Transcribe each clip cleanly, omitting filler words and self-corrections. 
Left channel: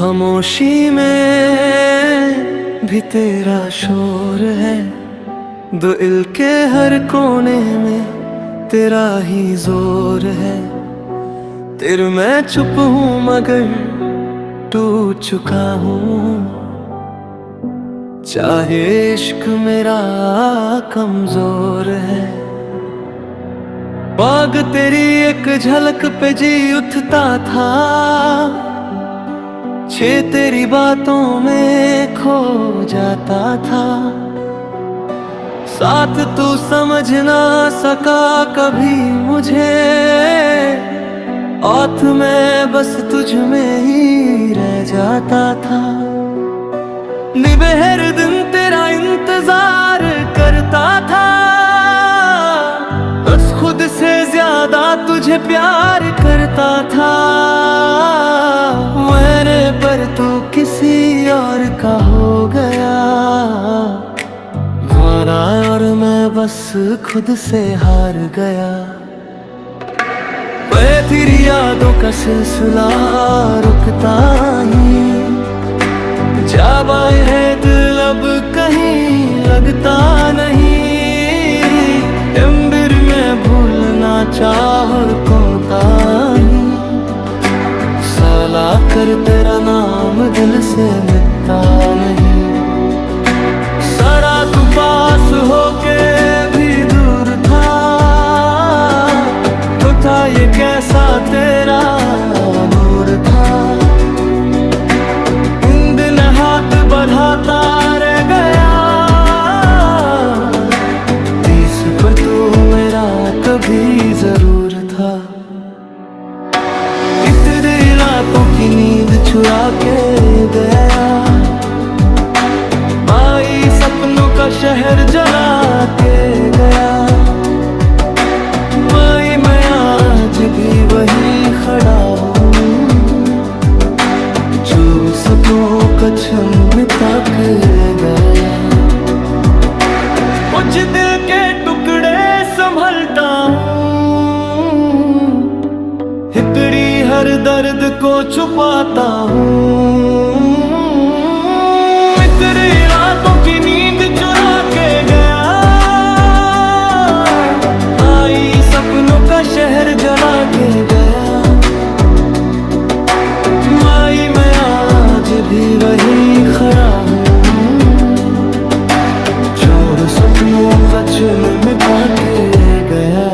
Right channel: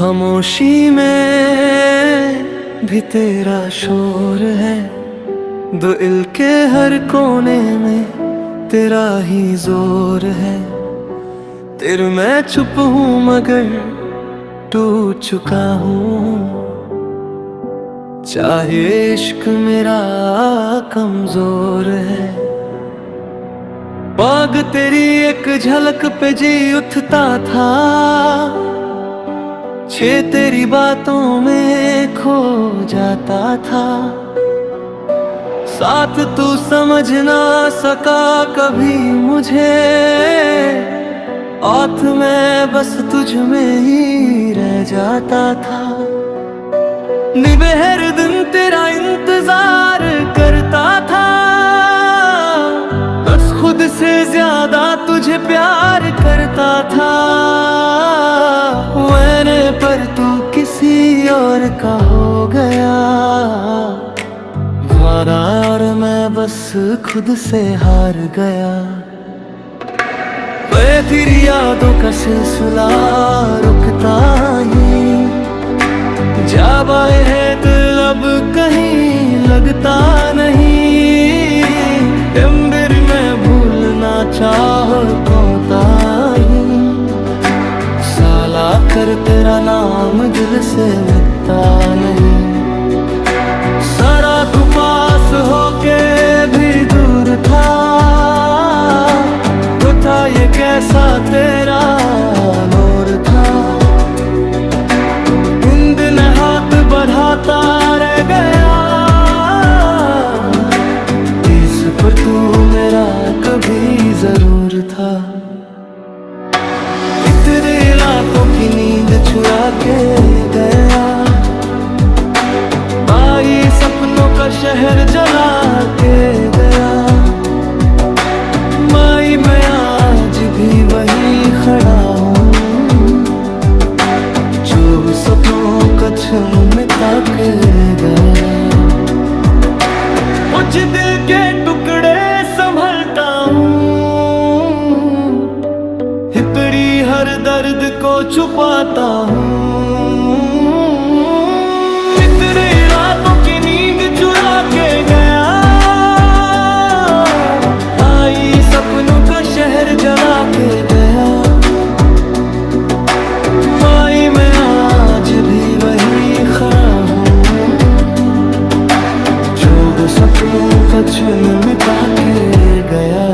खामोशी में भी तेरा शोर है, दिल के हर कोने में तेरा ही जोर है। तेरे मैं चुप हूँ मगर टूट चुका हूँ, चाहे इश्क मेरा कमजोर है। बाग तेरी एक झलक पे जी उठता था, छे तेरी बातों में खो जाता था। साथ तू समझ ना सका कभी मुझे, औत में बस तुझ में ही रह जाता था। निबहर दिन तेरा इंतजार करता था, बस खुद से ज्यादा तुझे प्यार करता था। मैंने पर तू किसी और का हो गया, वारा और मैं बस खुद से हार गया। मैं तेरी यादों का सिलसिला रुकता ही, जा बाहर है दिल अब कहीं लगता नहीं। अंबर में भूलना चाह कोताही, साला कर तेरा नाम दिल से मिटता नहीं। सारा तू पास होके भी दूर था, तो था ये कैसा तेरा नूर था। इन दिन हाथ बढ़ाता रह गया, तीस पर तू मेरा कभी जरूर था। तेरे रातों की नींद चुरा के गया, भाई सपनों का शहर जला के गया। मैं आज भी वही खड़ा हूँ, जो सपनों का छम मिटा के गया। कुछ दिल के टुकड़े संभलता हूँ, हितरी हर दर्द को छुपाता हूँ। तेरी रातों की नींद चुरा के गया, आई सपनों का शहर जला के गया। मैं आज भी वही खड़ा हूँ, जोड़ सपनों का चुन मिटा के गया।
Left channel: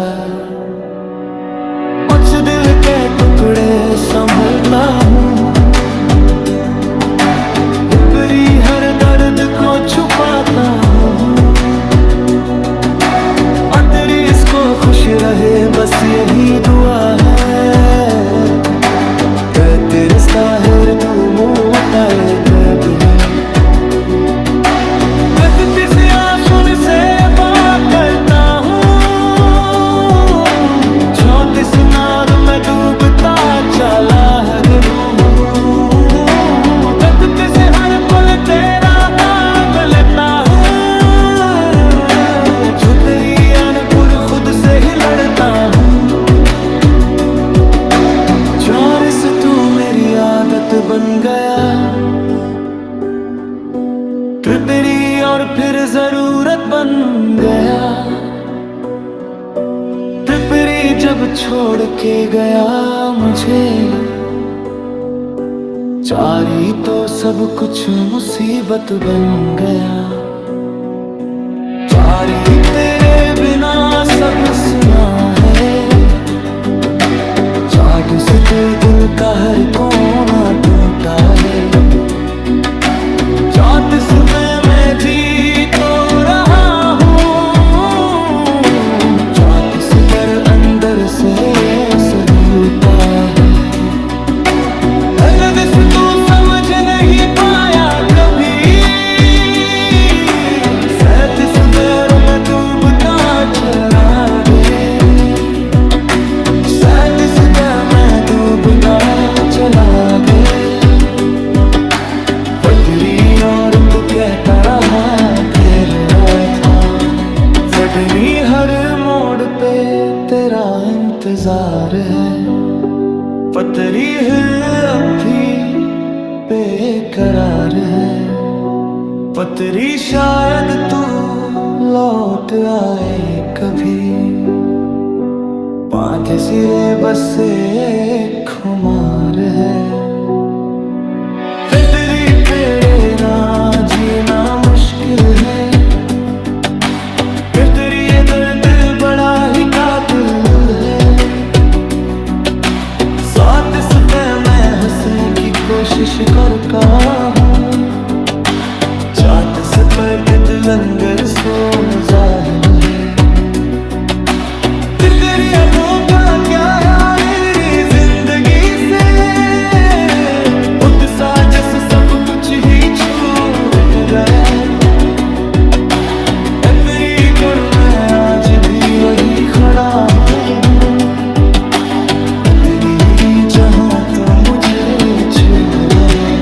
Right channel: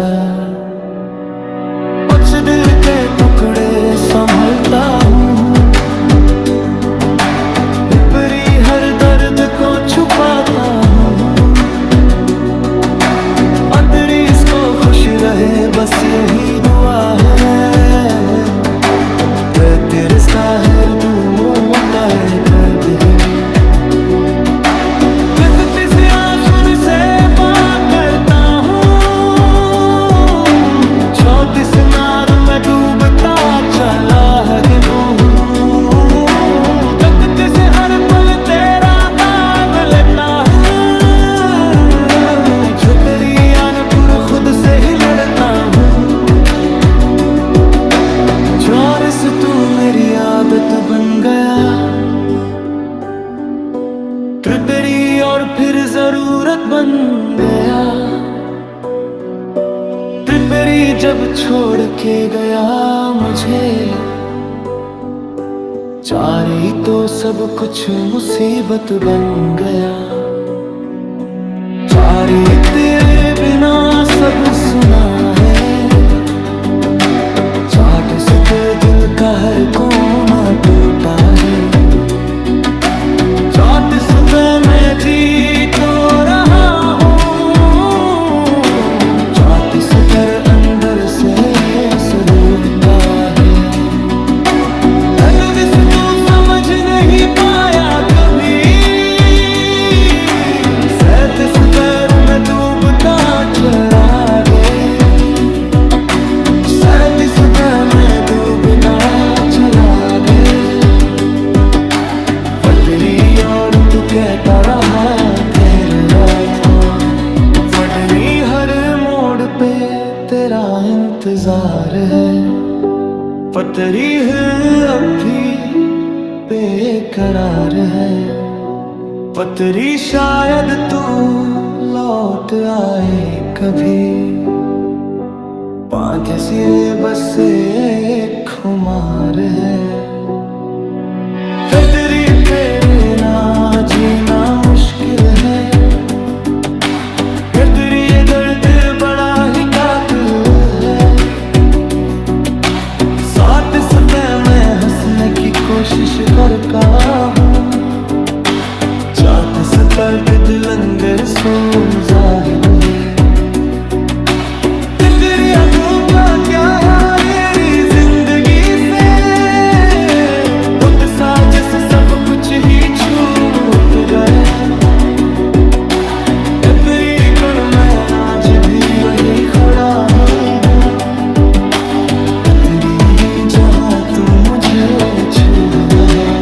कुछ दिल के टुकड़े संभलता हूँ, हिपरी हर दर्द को छुपाता हूँ। तेरी इसको खुश रहे बस यही दुआ है, तेरे साहिर तू मोताए कभी। गलती से आंसू से बात करता हूँ, 34 नार में डूबता चला है हूँ। गलती से हर पल तेरा काम लेता हूँ, जो तेरी अनपुर खुद से ही लड़ता हूँ। चौरस तू मेरी आदत बन गया, तेरी और फिर जरूरत बन गया। तेरी जब छोड़ के गया मुझे, चारी तो सब कुछ मुसीबत बन गया। चारी तेरे बिना सब सुना है, चाट से दिल का हर कोना टूटा है। 34 में जी तो रहा हूँ, 34 पर अंदर से सलूता है। दर्द से तू समझ नहीं पाया कभी, 37 पैर में डूबता चला गे। 37 पैर में डूबता चला गे। पटरी और तू कहता रहा घेर रहा था, फटनी हर मोड़ पे तेरा इंतजार है। पतरी है अब भी बेकरार है। पतरी शायद तू लौट आए कभी, पांच सिरे बस एक खुमार है। फिर तेरी तेरे ना जीना मुश्किल है, फिर तेरी ये दर्द बड़ा ही कातिल है। साथ इस पे मैं हंसने की कोशिश करता हूँ, चाहत से पर दिल लंगर सो जाहिल है। फिर तेरी अबों का क्या है मेरी जिंदगी से, उत्सा जैसे सब कुछ ही छूट गया। तेरी कण में आज भी वही खड़ा हूँ, तेरी जहाँ तो मुझे छू रहा।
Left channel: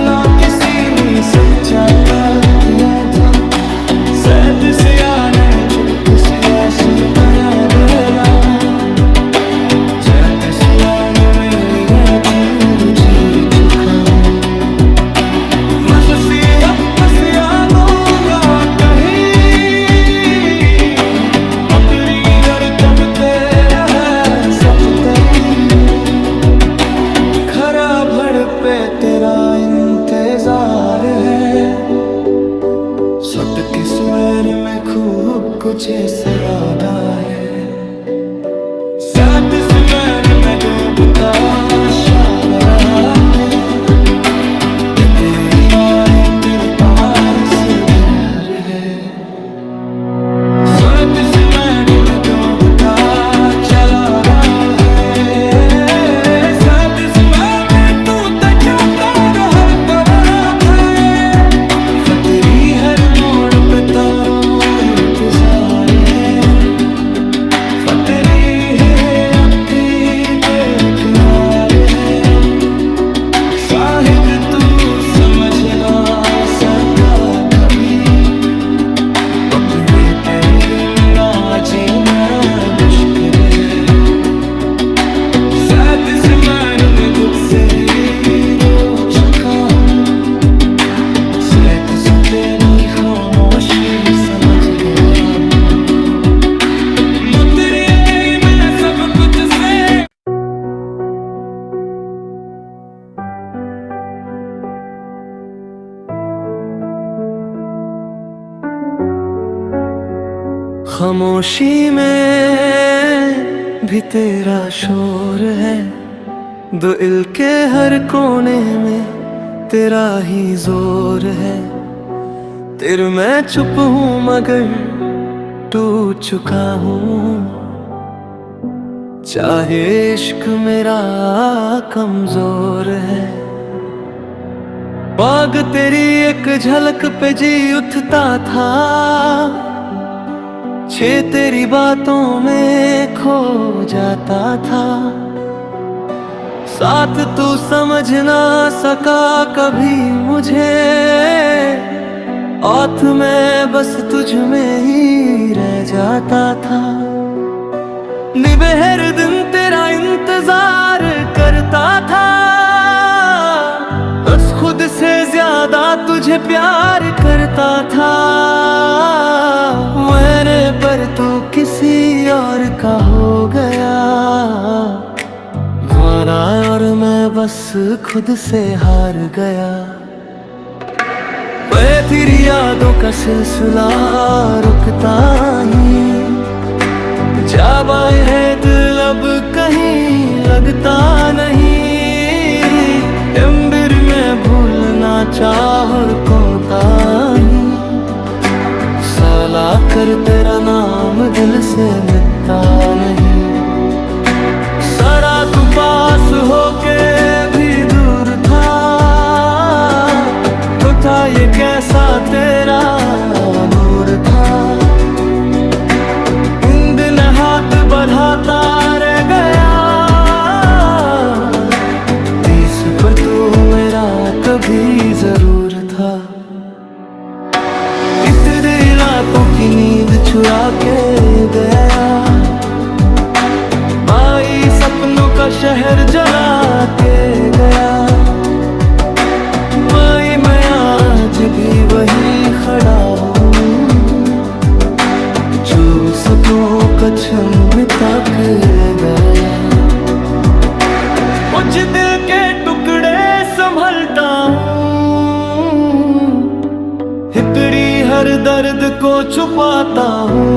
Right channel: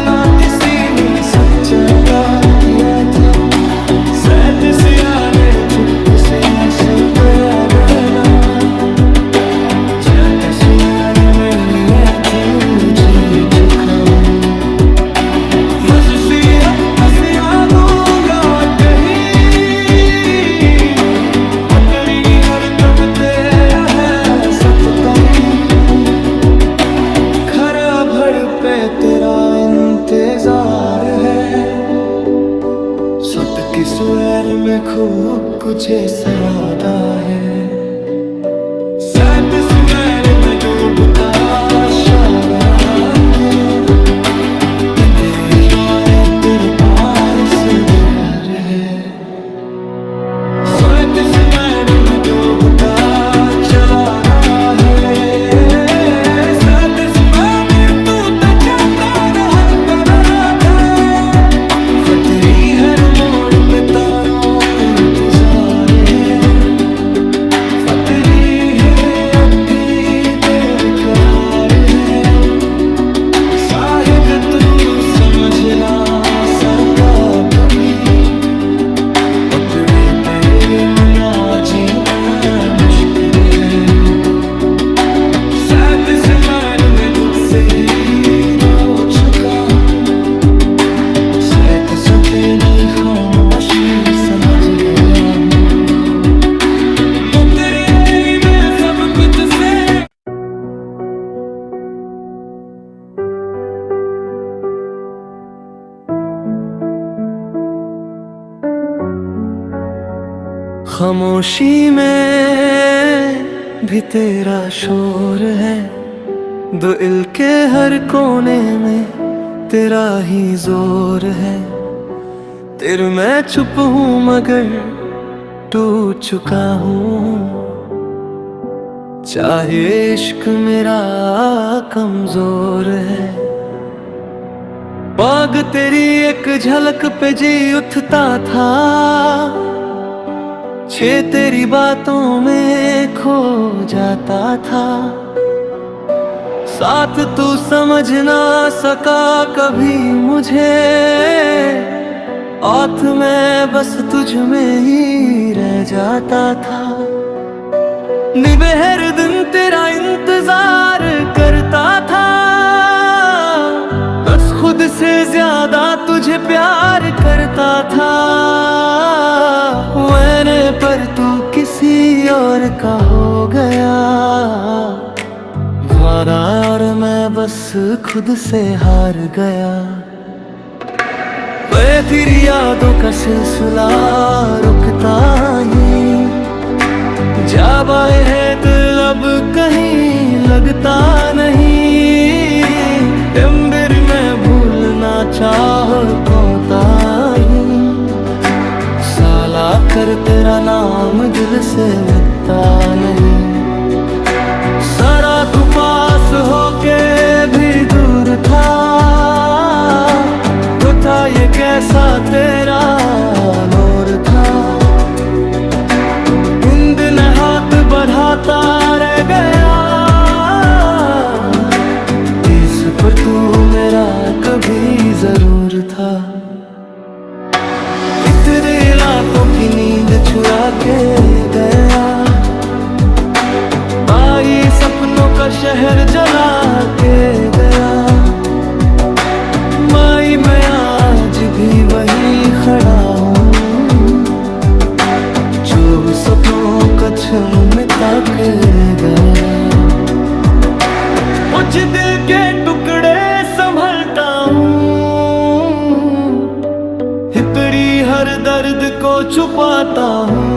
ना किसी ने सच्चा का किया था, सैद से आने चुप से आंसू गया बेला। चैत से आने में लिए तू जी चुका हूँ, मस्सी अब बस यादूंगा कहीं। मकरी यार कब तेरा है सफतरी, खरा भड़ पे तेरा इंतजार है। सत की स्वर में खूब कुछ इरादा है, साथ स्वर में डूबता इशारा है। तेरी और तेरे पास प्यार है, साथ स्वर में डूबता चला रहा है। तेरी हर मोड़ पे तारा इंतजार है, फतरी है अब भी बेकरार है। शायद तू समझ ना सका कभी, फतरी तेरे बिना जीना मुश्किल है। साथ से मैं खुद से ही रो चुका हूँ, तेरी खामोशी समझ गया हूँ। तेरी मैं सब कुछ से खामोशी में भी तेरा शोर है, दिल के हर कोने में तेरा ही जोर है। तेरे मैं चुप हूँ मगर टूट चुका हूँ, चाहे इश्क मेरा कमजोर है। बाग तेरी एक झलक पे जी उठता था, छे तेरी बातों में खो जाता था। साथ तू समझ ना सका कभी मुझे, औत में बस तुझ में ही रह जाता था। निबहर दिन तेरा इंतजार करता था, बस खुद से ज्यादा तुझे प्यार करता था। मैंने पर तू किसी और का हो गया, वारा और मैं बस खुद से हार गया। तेरी यादों का सिलसिला रुकता ही, जाबाए है दिल अब कहीं लगता नहीं। अंबर में भूलना चाह कोता ही, साला कर तेरा नाम दिल से मिटता नहीं। सारा तू पास होके भी दूर था, ये कैसा तेरा नूर था। इन दिन हाथ बढ़ाता रह गया, इस पर तू मेरा कभी जरूर था। इतने रातों की नींद चुरा के गया, आई सपनों का शहर जला के गया। माई मैं आज भी वही खड़ा हूँ, जो सपनों का छम मिटा के गया। कुछ दिल के टुकड़े संभलता हूँ, हितरी हर दर्द को छुपाता हूँ।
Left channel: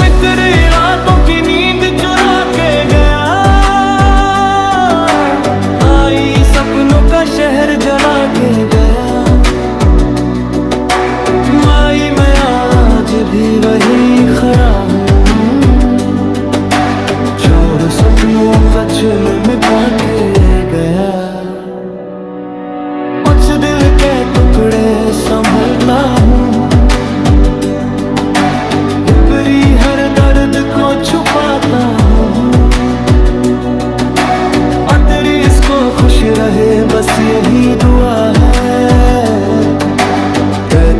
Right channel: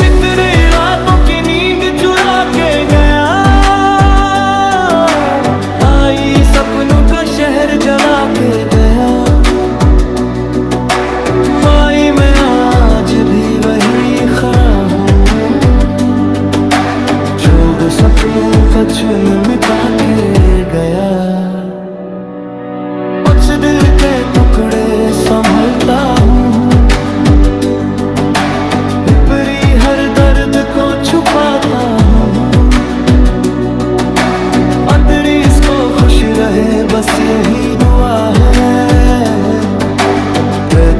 इतनी रातों की नींद चुरा के गया, आई सपनों का शहर जला के गया। माई मैं आज भी वही खड़ा हूँ, जोड़ सपनों का चुन मिटा के गया। कुछ दिल के टुकड़े संभलता हूँ, हिपरी हर दर्द को छुपाता हूँ। तेरी इसको खुश रहे बस यही दुआ है,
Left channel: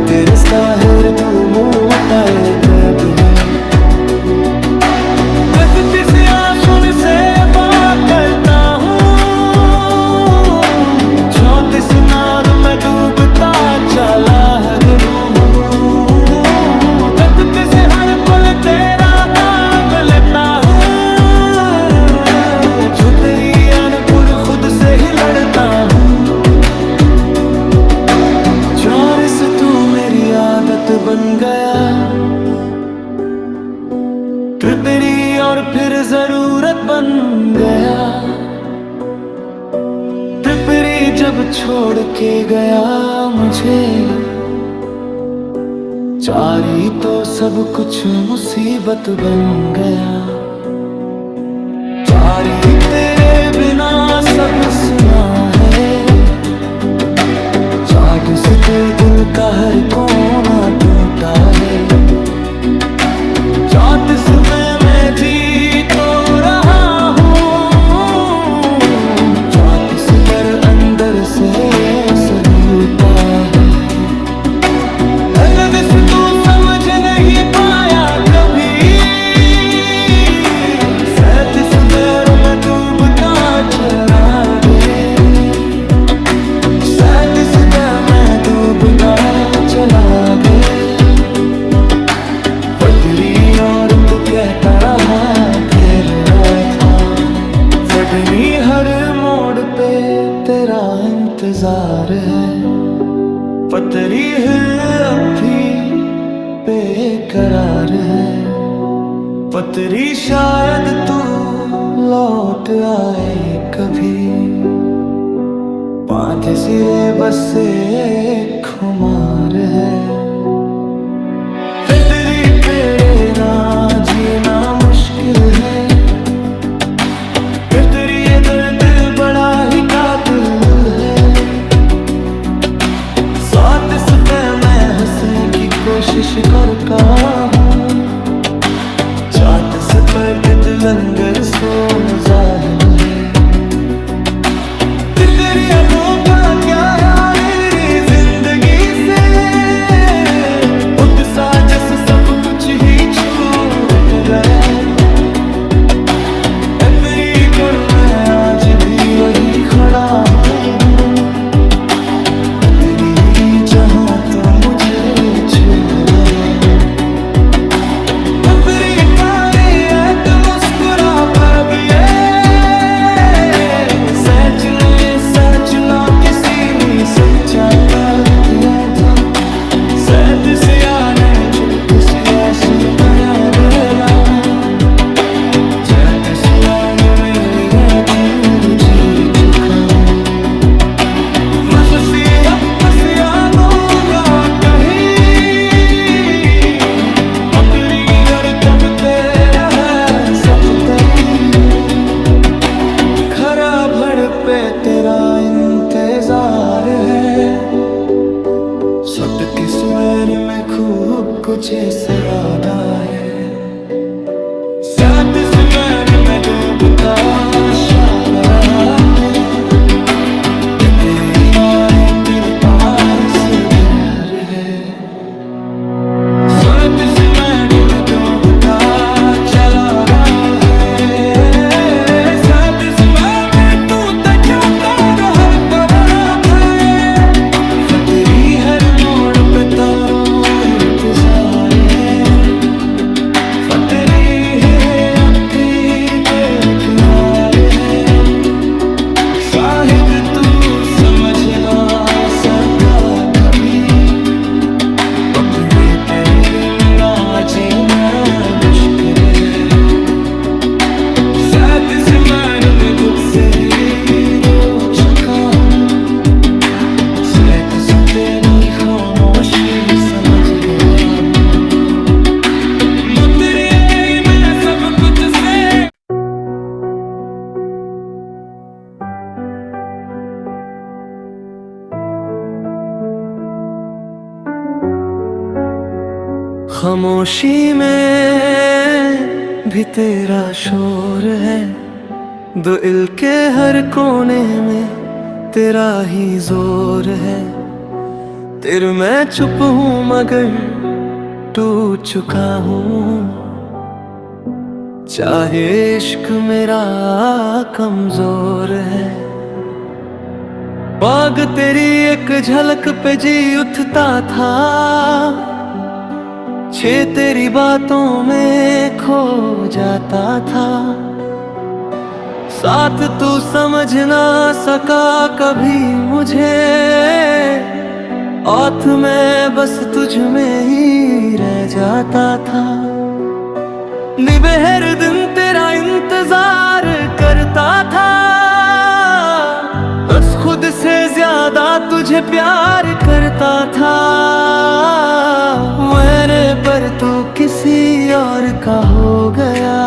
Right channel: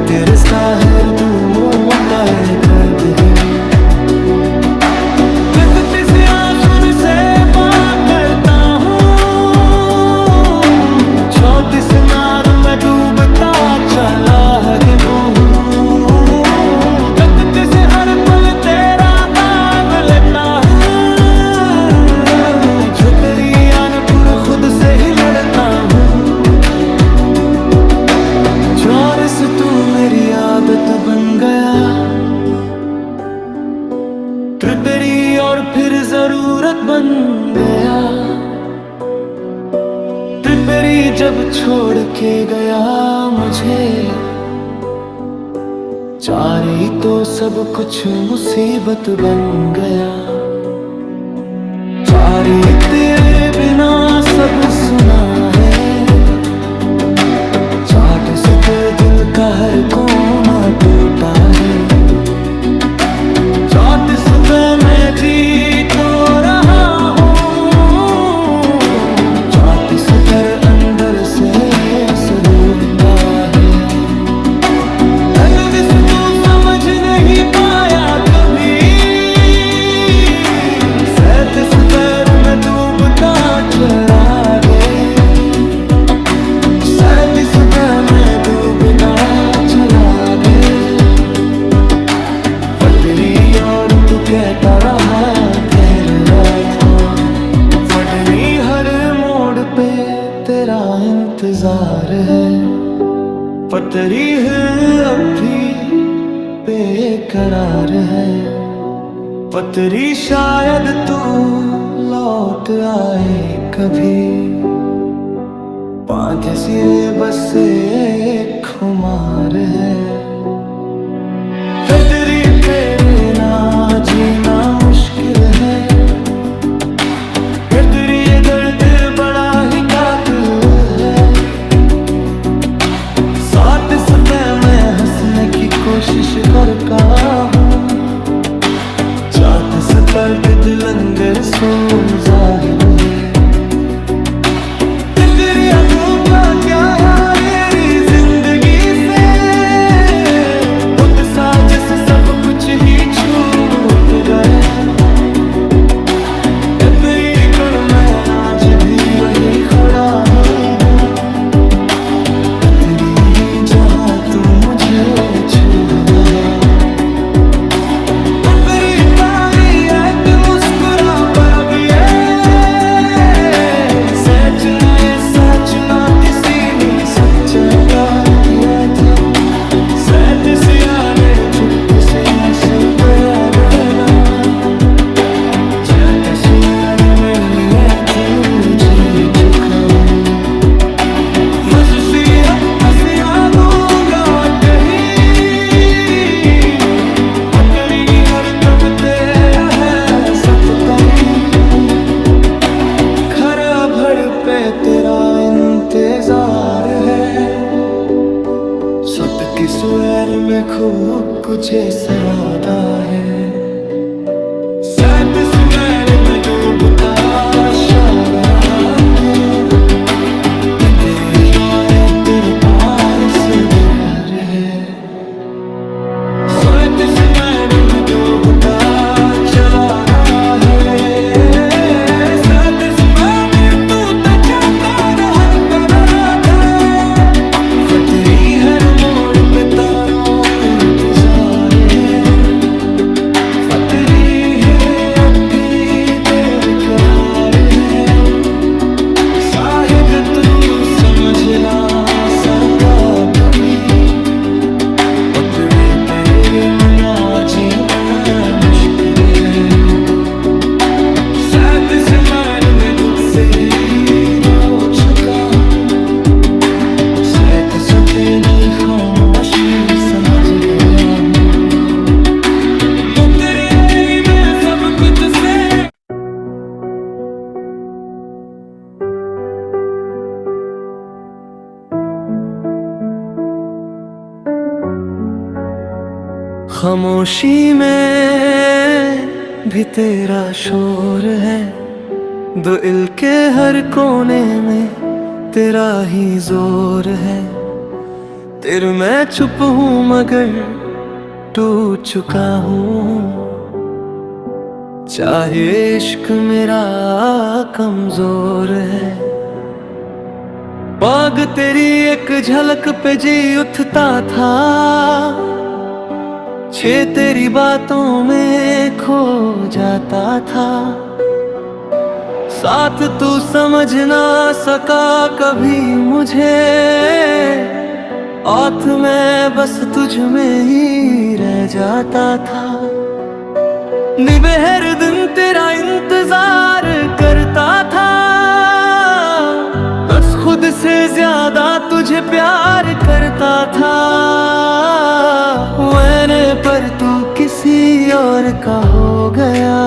तेरे साहिर तू मुताए कभी। प्रकृति से आंसू से बात करता हूँ, 34 नार में डूबता चला है हूँ। प्रकृति से हर पल तेरा काम लेता हूँ, जो तेरी अनपुर खुद से ही लड़ता हूँ। चौरस तू मेरी आदत बन गया, तेरी और फिर जरूरत बन गया। त्रिपेरी जब छोड़ के गया मुझे, चारी तो सब कुछ मुसीबत बन गया। चारी तेरे बिना सब सुना है, चाट से दिल का हर कोना टूटा है। 34 में जी तो रहा हूँ, 34 पर अंदर से सलूता है। दिस तू समझ नहीं पाया कभी, 37 दर में डूबता चला गे, 37 दर में डूबता चला गे। पटरी और तू कहता रहा घेर रहा था, फटनी हर मोड़ पे तेरा इंतजार है। पतरी है अब भी बेकरार है, पतरी शायद तू लौट आए कभी। 5 सिरे बस एक खुमार है, फिर तेरी तेरे ना जीना मुश्किल है। फिर तेरी ये दर्द बड़ा ही कातिल है। 37 पे मैं हंसने की कोशिश करता हूँ, 34 पर दिल लंगर सो जाहिल है। फिर तेरी अबों का क्या यारी जिंदगी से, जैसे सब कुछ ही छूट गया। तेरी कण मैं आज भी वही खड़ा हूँ, तेरी जहाँ तो मुझे छू रहा। तेरी तारी एक मुस्कुरा पागी सच ने सच ना किसी ने सच्चा का किया था। 37 ने चुप से आंसू गया बेला, 36 में लिए तू जी चुका हूँ। मस्सी अब मसिया दूंगा कहीं, बकरी घर तब तेरा है सब कहीं। खरा भर पे तेरा इंतजार है, सत की स्वर में खूब कुछ सरादा है। 37 में डूबता शारा है, तेरी और तेरे पास है। मैं तुझसे ही रो चुका हूँ, स्वैत से तेरी खामोशी समझ गया हूँ। तेरी है मैं सब कुछ से खामोशी में भी तेरा शोर है, दिल के हर कोने में तेरा ही जोर है। तेरे मैं चुप हूँ मगर टूट चुका हूँ, चाहे इश्क मेरा कमजोर है। बाग तेरी एक झलक पे जी उठता था, छे तेरी बातों में खो जाता था। साथ तू समझ ना सका कभी मुझे, औथ मैं बस तुझ में ही रह जाता था। निबहर दिन तेरा इंतजार करता था, बस खुद से ज्यादा तुझे प्यार करता था मैंने, पर तू किसी और का हो गया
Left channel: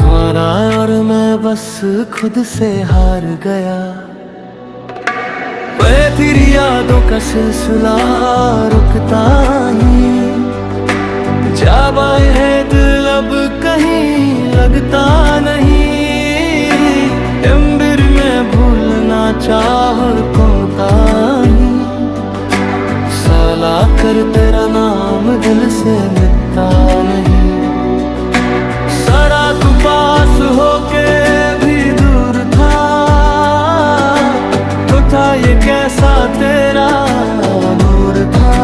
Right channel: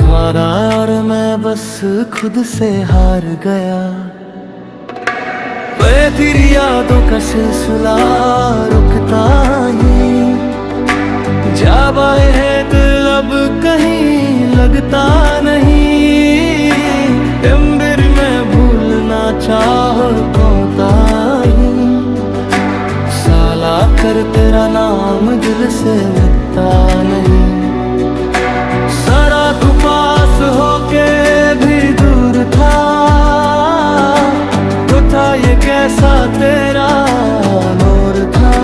वारा, और मैं बस खुद से हार गया। मैं तेरी यादों का सिलसिला रुकता ही जा बाहर है, दिल अब कहीं लगता नहीं। अंबर में भूलना चाह कोता ही, साला कर तेरा नाम दिल से मिटता नहीं। सड़ा तू पास होके भी दूर था, तो था ये कैसा तेरा नूर था।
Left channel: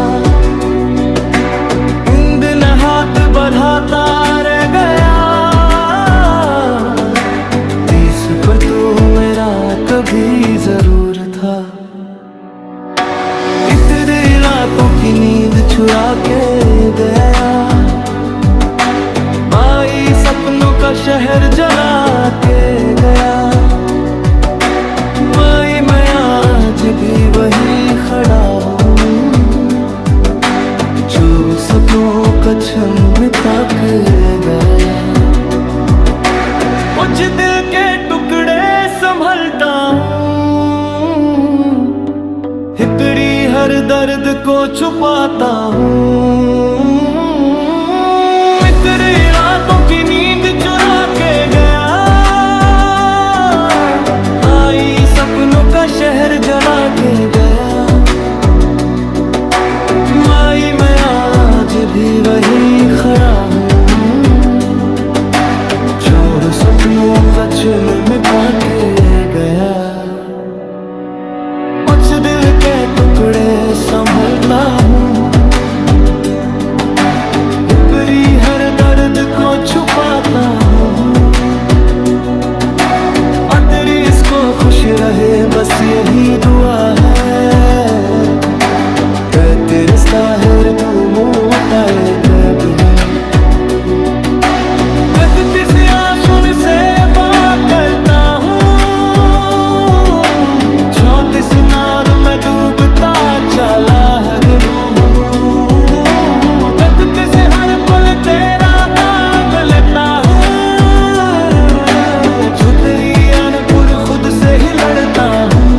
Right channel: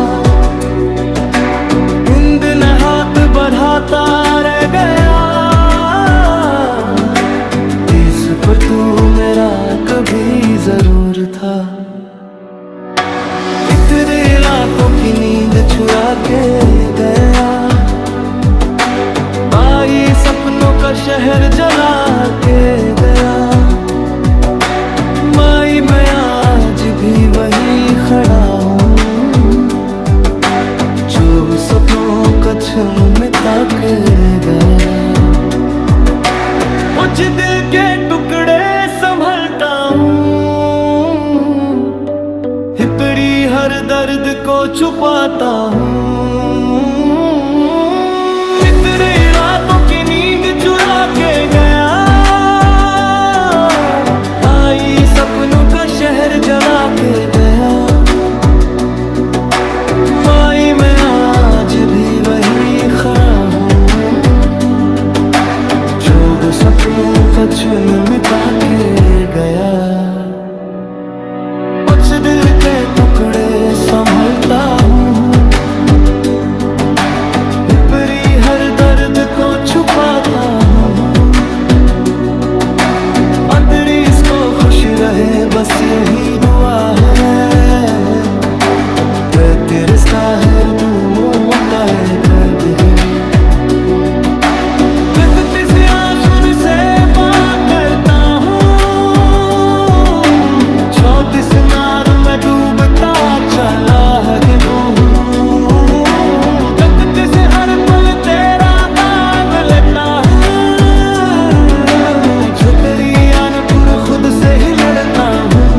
इन दिन हाथ बढ़ाता रह गया, इस पर तू मेरा कभी जरूर था। तेरे रातों की नींद चुरा के गया, भाई सपनों का शहर जला के गया। मैं आज भी वही खड़ा हूँ, जो सपनों का छम मिटा के गया। कुछ दिल के टुकड़े संभलता हूँ, हितरी हर दर्द को छुपाता हूँ। तेरी रातों की नींद चुरा के गया, आई सपनों का शहर जला के गया। मैं आज भी वही खड़ा हूँ, जोड़ सपनों का चिन्ह मिटा के गया। कुछ दिल के टुकड़े संभलता हूँ, हिपरी हर दर्द को छुपाता हूँ। तेरी इसको खुश रहे बस यही दुआ है, तेरे साहिर तू मोताए कभी। गलती से आंसू से बात करता हूँ, 34 नार में डूबता चला है हूँ। तकते से हर पल तेरा काम लेता हूँ, जो तेरी अनपुर खुद से ही लड़ता हूँ।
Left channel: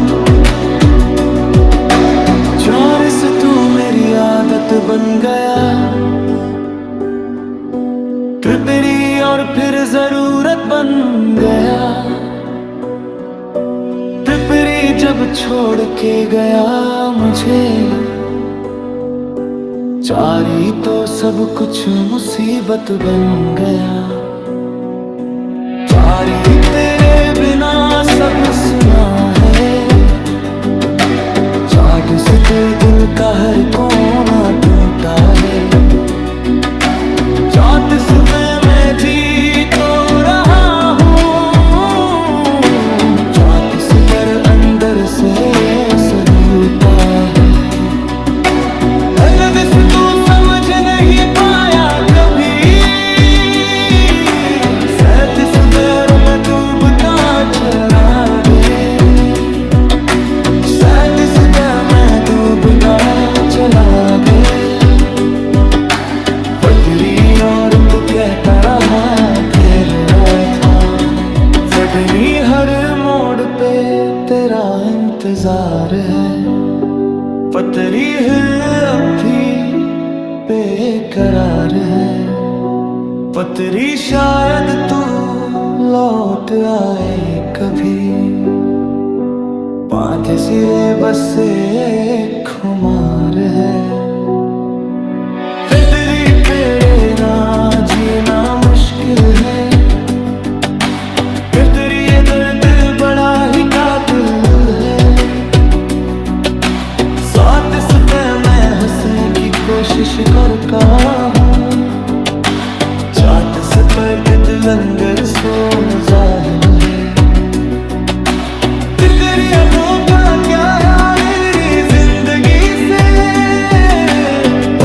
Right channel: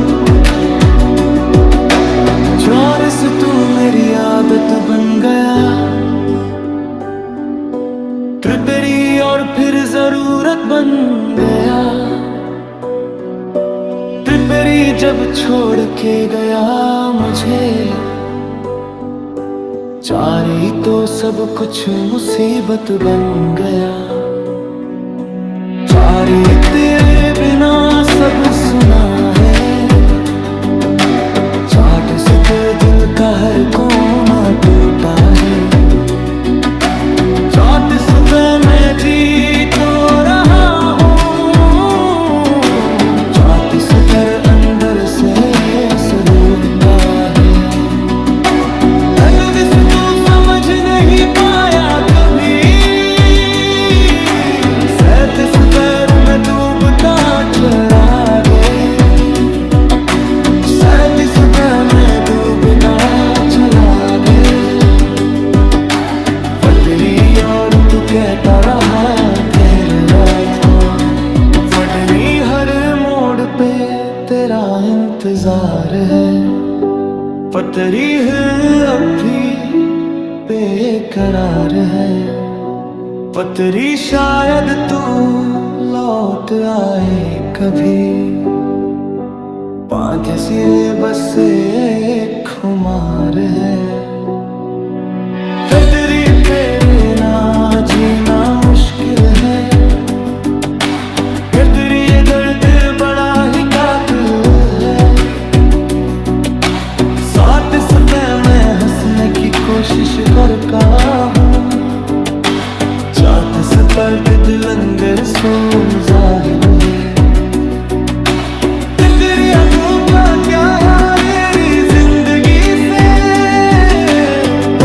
चौरस तू मेरी आदत बन गया, तेरी और फिर जरूरत बन गया। तेरी जब छोड़ के गया मुझे, चारी तो सब कुछ मुसीबत बन गया। चारी तेरे बिना सब सुना है, चाट से दिल का हर कोना टूटा है। चौतीस में जी तो रहा हूँ, 34 पर अंदर से सलूता है। दर्द से तू समझ नहीं पाया कभी, 37 पैर में तू चरागे, शायद इस दर में डूबता चला गए। पटरी और तू कहता रहा घेर रहा था, फटनी हर मोड़ पे तेरा इंतजार है। पटरी है अब भी बेकरार है, पटरी शायद तू लौट आए कभी। पांच सिरे बस एक खुमार है, फिर तेरी तेरे ना जीना मुश्किल है। फिर तेरी ये दर्द बड़ा ही कातिल है। साथ इस पे मैं हंसने की कोशिश करता हूँ, चाहत से पर्द लंगर सो जाहिल है। फिर तेरी अबों का क्या है मेरी जिंदगी से,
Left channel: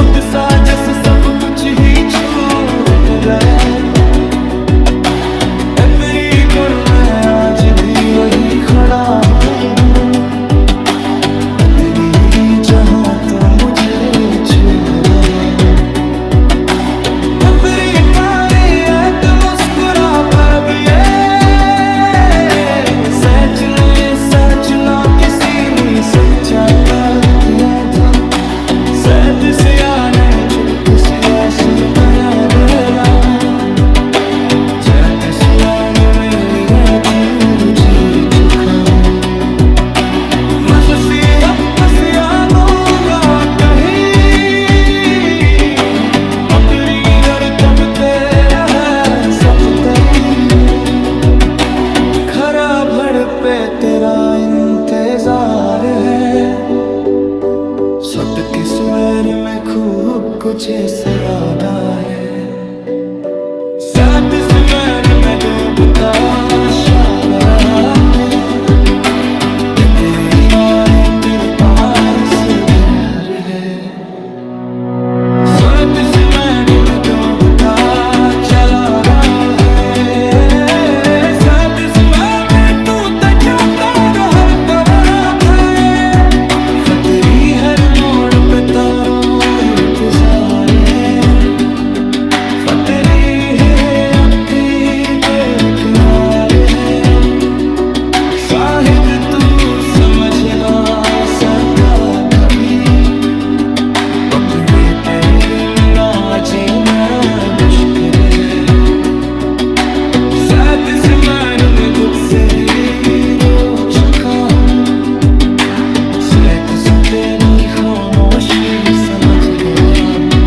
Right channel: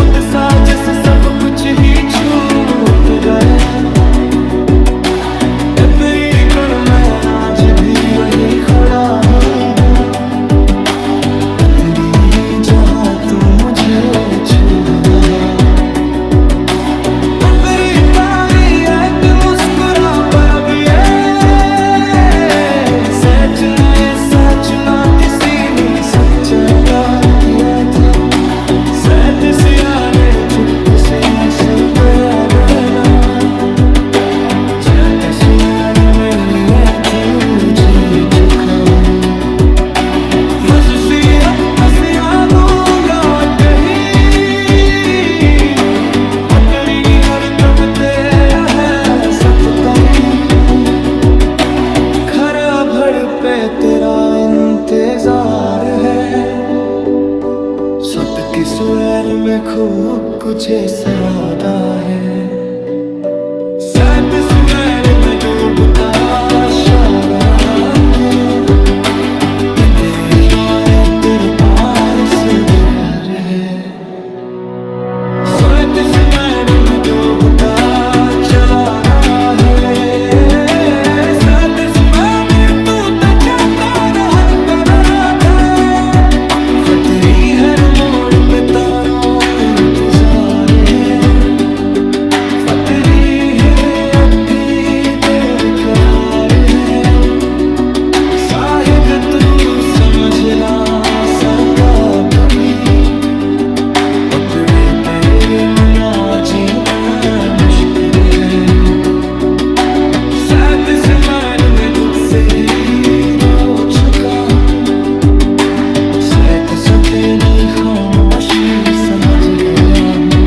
उत्साह जैसे सब कुछ ही छूट गया। तेरी गुण मैं आज भी वही खड़ा हूँ, तेरी जहाँ तो मुझे छू रहा। तेरी पारी है तू मुस्कुरा पागी है, सच ने सच ना किसी ने सच्चा का किया था। सैद से आने चुप से आंसू गया बेला, जैसे सुनाने में लिए तू जी चुका हूँ। मस्सी अब से आ दूंगा कहीं, मकरी और तब तेरा है सब कहीं। खरा भर पे तेरा इंतजार है, सत की स्वर में खूब कुछ सरादा है। साथ स्मर में डूबता शारा है, तेरी और तेरे पास प्यार है। साथ स्मर में डूबता चला रहा है, साथ स्मर में तू तजाता हर तरफ है। फतरी हर मोड़ पे तारा इंतजार है, फतरी समझ ना सका कभी। पकड़े तेरे मिला जीना मुश्किल है, साथ से में दुख से ही रो चुका हूँ। सैत से तेरी खामोशी समझ गया हूँ,